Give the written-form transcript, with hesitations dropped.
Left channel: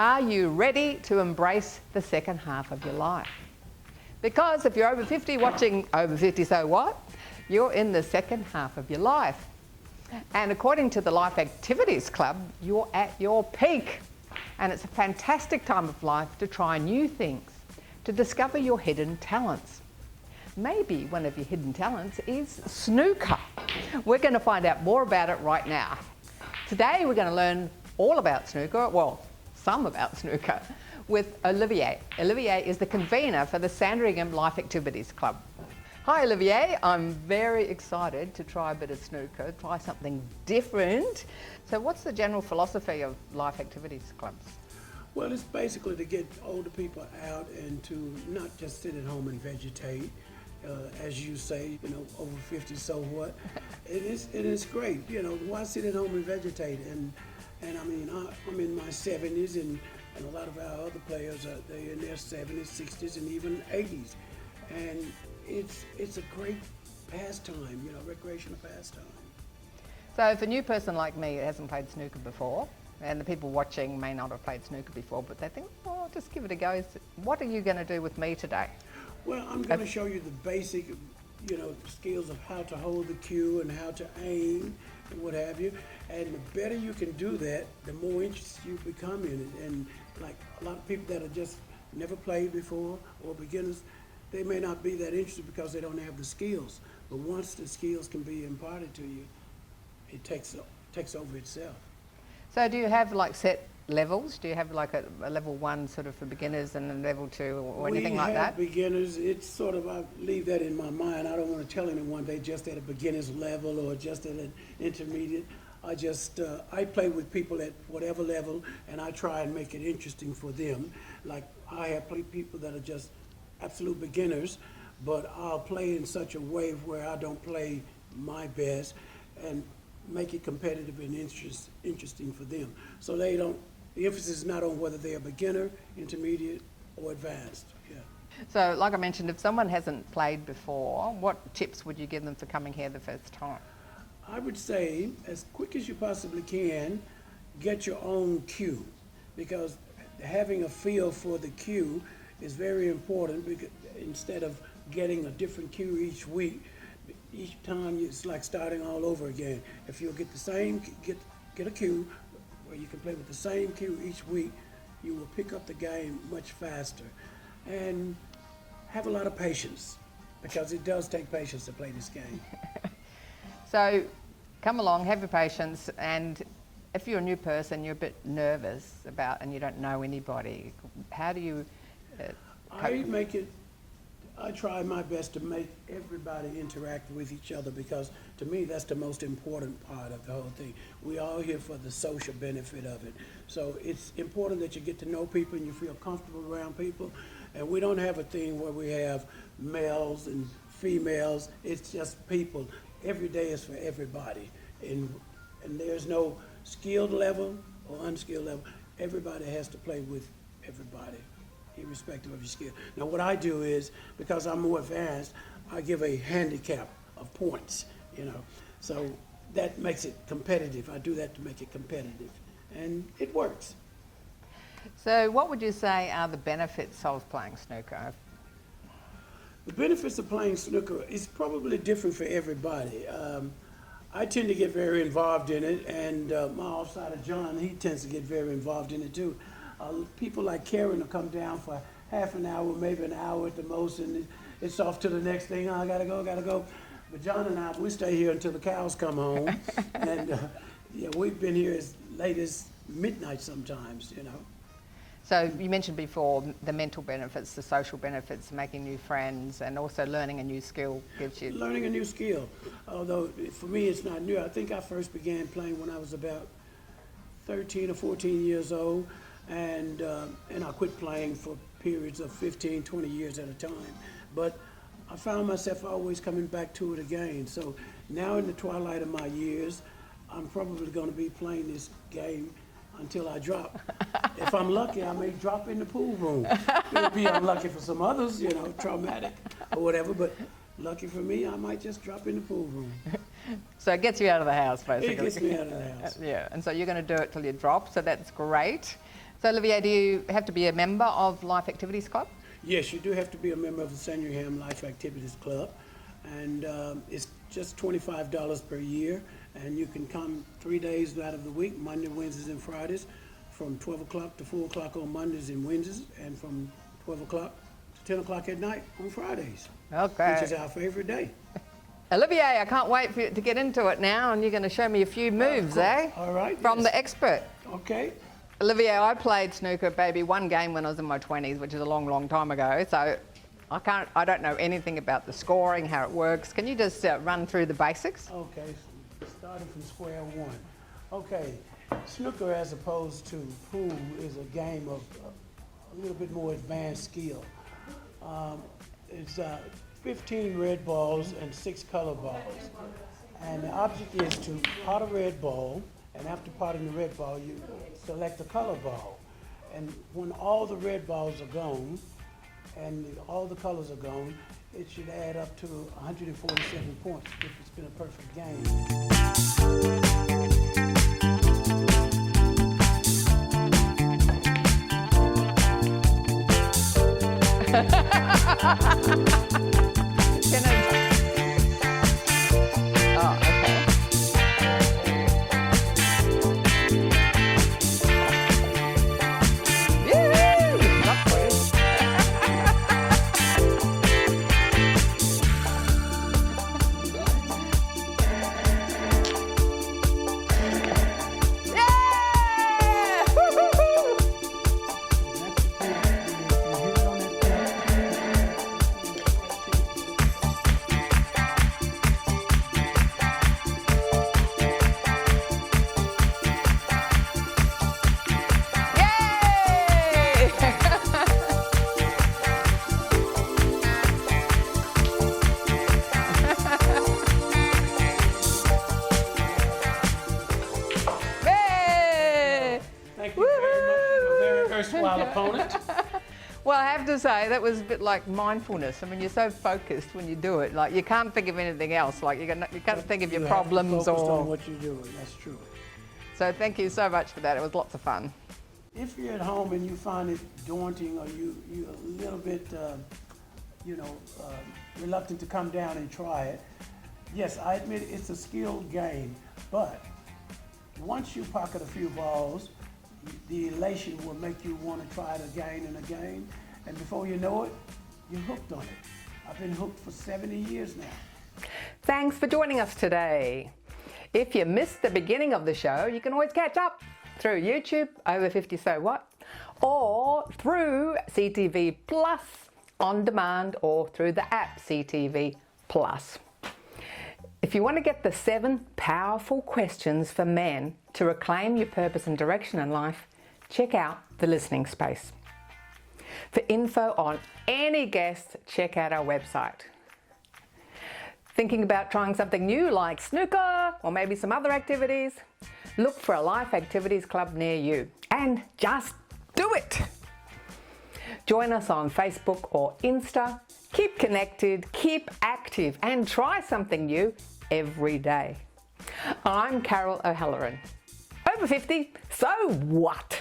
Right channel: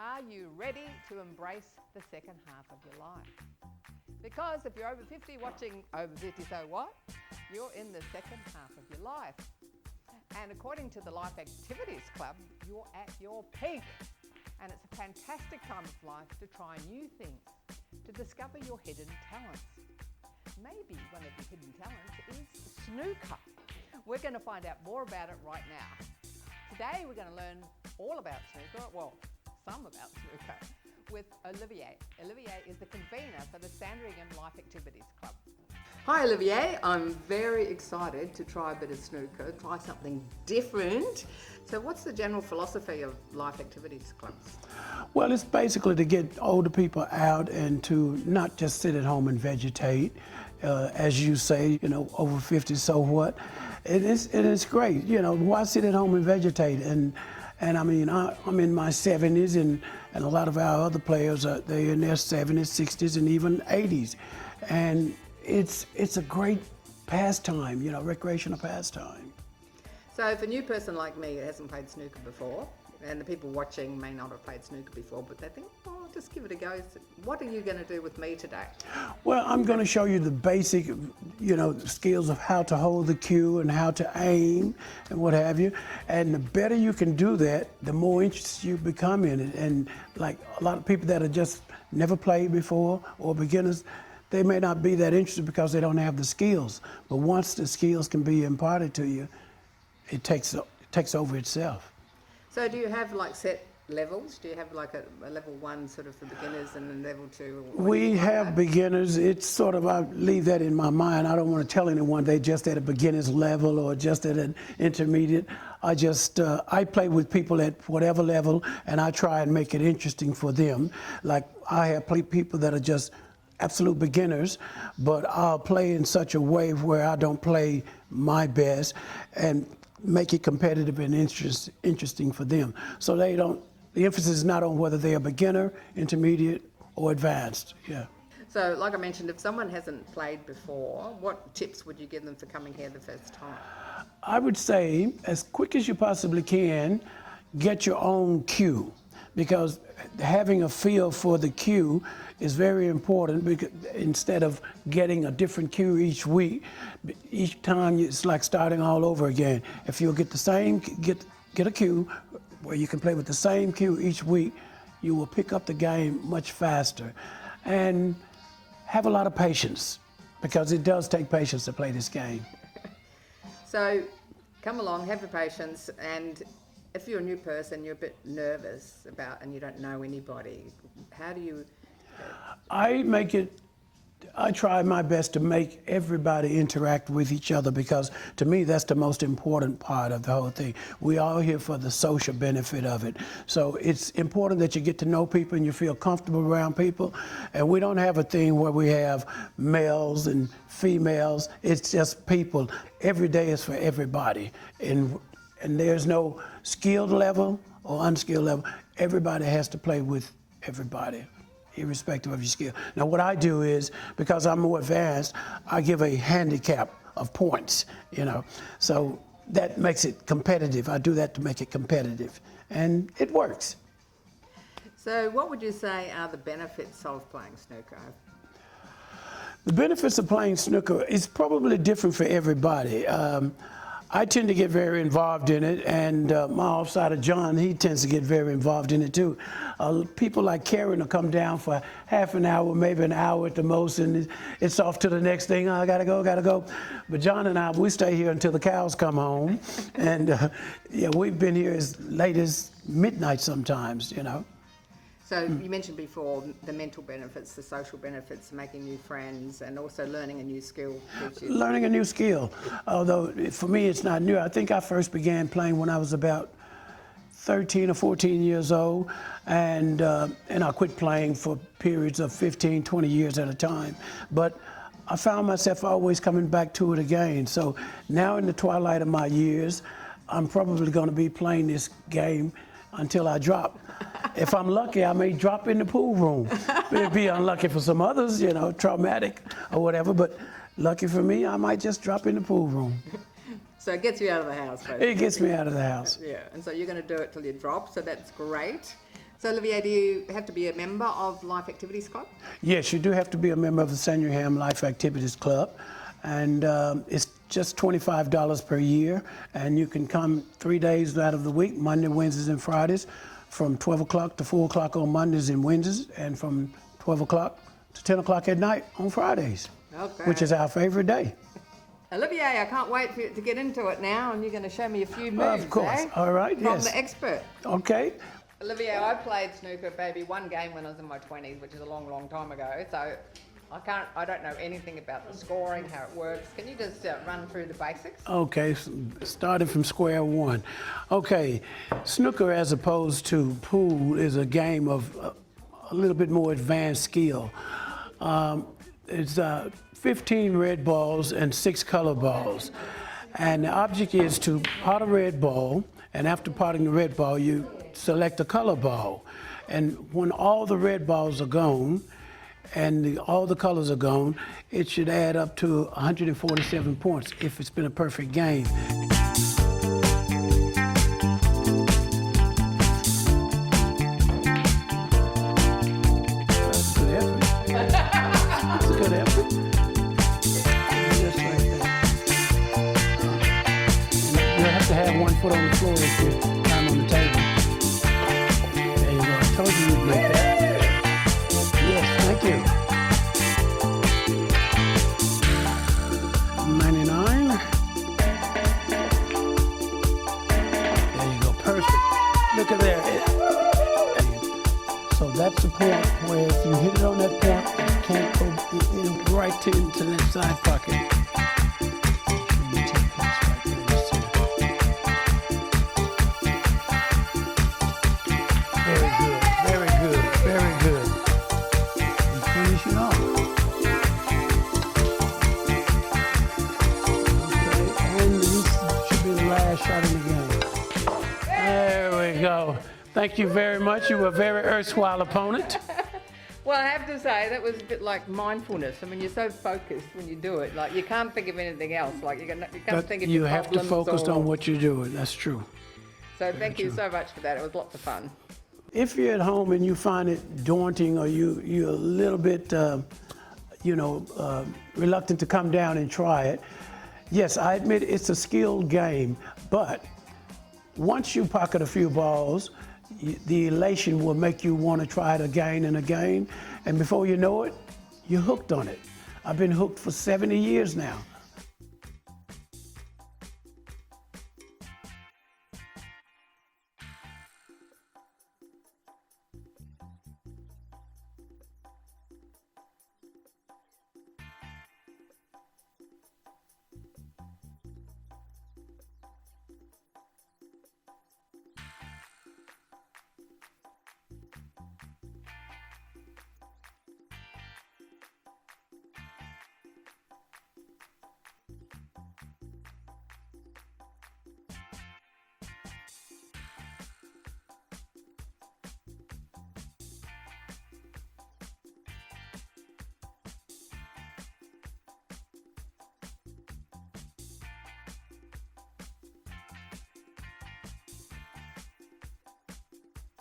Are you ready to embrace the second half of your life? Because if you're over 50 watching Over 50 So What, you're in the second half of your life. And according to the Life Activities Club, you're at your peak. And it's a fantastic time of life to try new things, to discover your hidden talents. Maybe one of your hidden talents is snooker. We're going to find out more about it right now. Today we're going to learn all about snooker, well, some about snooker, with Olivier. Olivier is the convener for the Sandringham Life Activities Club. Hi Olivier, I'm very excited to try a bit of snooker, try something different. So what's the general philosophy of Life Activities Clubs? Well, it's basically to get older people out and to not just sit at home and vegetate. As you say, you know, over 50, so what? It is great, you know, why sit at home and vegetate? And I mean, I'm in my 70s and a lot of our other players, they're in their 70s, 60s, and even 80s. And it's a great pastime, you know, recreational pastime. So if a new person like me who hasn't played snooker before, and the people watching may not have played snooker before, but they think, oh, I'll just give it a go. What are you going to do with me today? Well, I'm going to show you the basic, you know, skills of how to hold the cue and how to aim and what have you. And the better you can do that, the more interested you become in it. And like a lot of people that have just never played before or beginners, they may not be that interested because they don't have the skills. But once the skills can be imparted to you, it takes over itself. So do you have like set levels? Do you have like a level 1 sort of for beginners and a level 2 or anything like that? We have beginners. It's sort of, I leave that in my mind. I don't want to tell anyone they just at a beginner's level or just at an intermediate. I play with people at whatever level and I try and make it interesting for them. Like I have people that are just absolute beginners, but I'll play in such a way where I don't play my best and make it competitive and interesting for them. So the emphasis is not on whether they're a beginner, intermediate, or advanced. Yeah. So like I mentioned, if someone hasn't played before, what tips would you give them for coming here the first time? I would say, as quick as you possibly can, get your own cue, because having a feel for the cue is very important, because instead of getting a different cue each week, each time it's like starting all over again. If you'll get the same, get a cue where you can play with the same cue each week, you will pick up the game much faster. And have a lot of patience, because it does take patience to play this game. So come along, have your patience, and if you're a new person, you're a bit nervous and you don't know anybody, how do you... I try my best to make everybody interact with each other, because to me that's the most important part of the whole thing. We are here for the social benefit of it. So it's important that you get to know people and you feel comfortable around people. And we don't have a thing where we have males and females. It's just people. Every day is for everybody. And there's no skilled level or unskilled level. Everybody has to play with everybody, irrespective of your skill. Now what I do is, because I'm more advanced, I give a handicap of points, you know. So that makes it competitive. I do that to make it competitive, and it works. So what would you say are the benefits of playing snooker? The benefits of playing snooker is probably different for everybody. I tend to get very involved in it, and my offsider John, he tends to get very involved in it too. People like Karen will come down for half an hour, maybe an hour at the most, and it's off to the next thing. Oh, I gotta go. But John and I, we stay here until the cows come home. And yeah, we've been here as late as midnight sometimes, you know. So you mentioned before the mental benefits, the social benefits, making new friends, and also learning a new skill gives you... Learning a new skill, although for me it's not new. I think I first began playing when I was about 13 or 14 years old, and I quit playing for periods of 15, 20 years at a time. But I found myself always coming back to it again. So now in the twilight of my years, I'm probably going to be playing this game until I drop. If I'm lucky, I may drop in the pool room. It'd be unlucky for some others, you know, traumatic or whatever, but lucky for me, I might just drop in the pool room. So it gets you out of the house, basically. It gets me out of the house. Yeah, and so you're going to do it till you drop, so that's great. So, Olivier, do you have to be a member of Life Activities Club? Yes, you do have to be a member of the Sandringham Life Activities Club, and it's just $25 per year, and you can come 3 days out of the week, Monday, Wednesdays, and Fridays, from 12 o'clock to 4 o'clock on Mondays and Wednesdays, and from 12 o'clock to 10 o'clock at night on Fridays, Okay. which is our favorite day. Olivier, I can't wait for you to get into it now, and you're going to show me a few moves, Of course. All right, From yes. the expert. Okay. Olivier, I played snooker, baby, one game when I was in my 20s, which is a long, long time ago. So I don't know anything about the scoring, how it works. Can you just run through the basics? Okay, starting from square one. Okay, snooker as opposed to pool is a game of a little bit more advanced skill. It's 15 red balls and 6 color balls. And the object is to pot a red ball, and after potting the red ball, you select a color ball. And when all the red balls are gone, and all the colors are gone, it should add up to 147 points if it's been a perfect game. Thank you very much. You were a very erstwhile opponent. Well, I have to say, that was a bit like mindfulness. I mean, you're so focused when you do it. Like, you can't think of anything else. Like, you can't think of your problems. You have to focus on what you're doing. That's true. So thank you so much for that. It was lots of fun. If you're at home and you find it daunting, or you're a little bit, reluctant to come down and try it, yes, I admit it's a skilled game, but once you pocket a few balls, the elation will make you want to try it again and again, and before you know it, you're hooked on it. I've been hooked for 70 years now. Thanks for joining us today. If you missed the beginning of the show, you can always catch up through YouTube, Over 50 So What, or through CTV Plus on demand, or through the app CTV Plus. If you want to get the 7 powerful questions for men to reclaim your purpose and direction in life, check out the listening space. For info on any guest, check out our website. Thinking about trying something new like snooker or maybe some other activities? Look for a Life Activities Club near you and just do it. Join us on Facebook or Insta. Keep connected, keep active, and try something new every day. I'm Carol O'Halloran. Over 50, so what?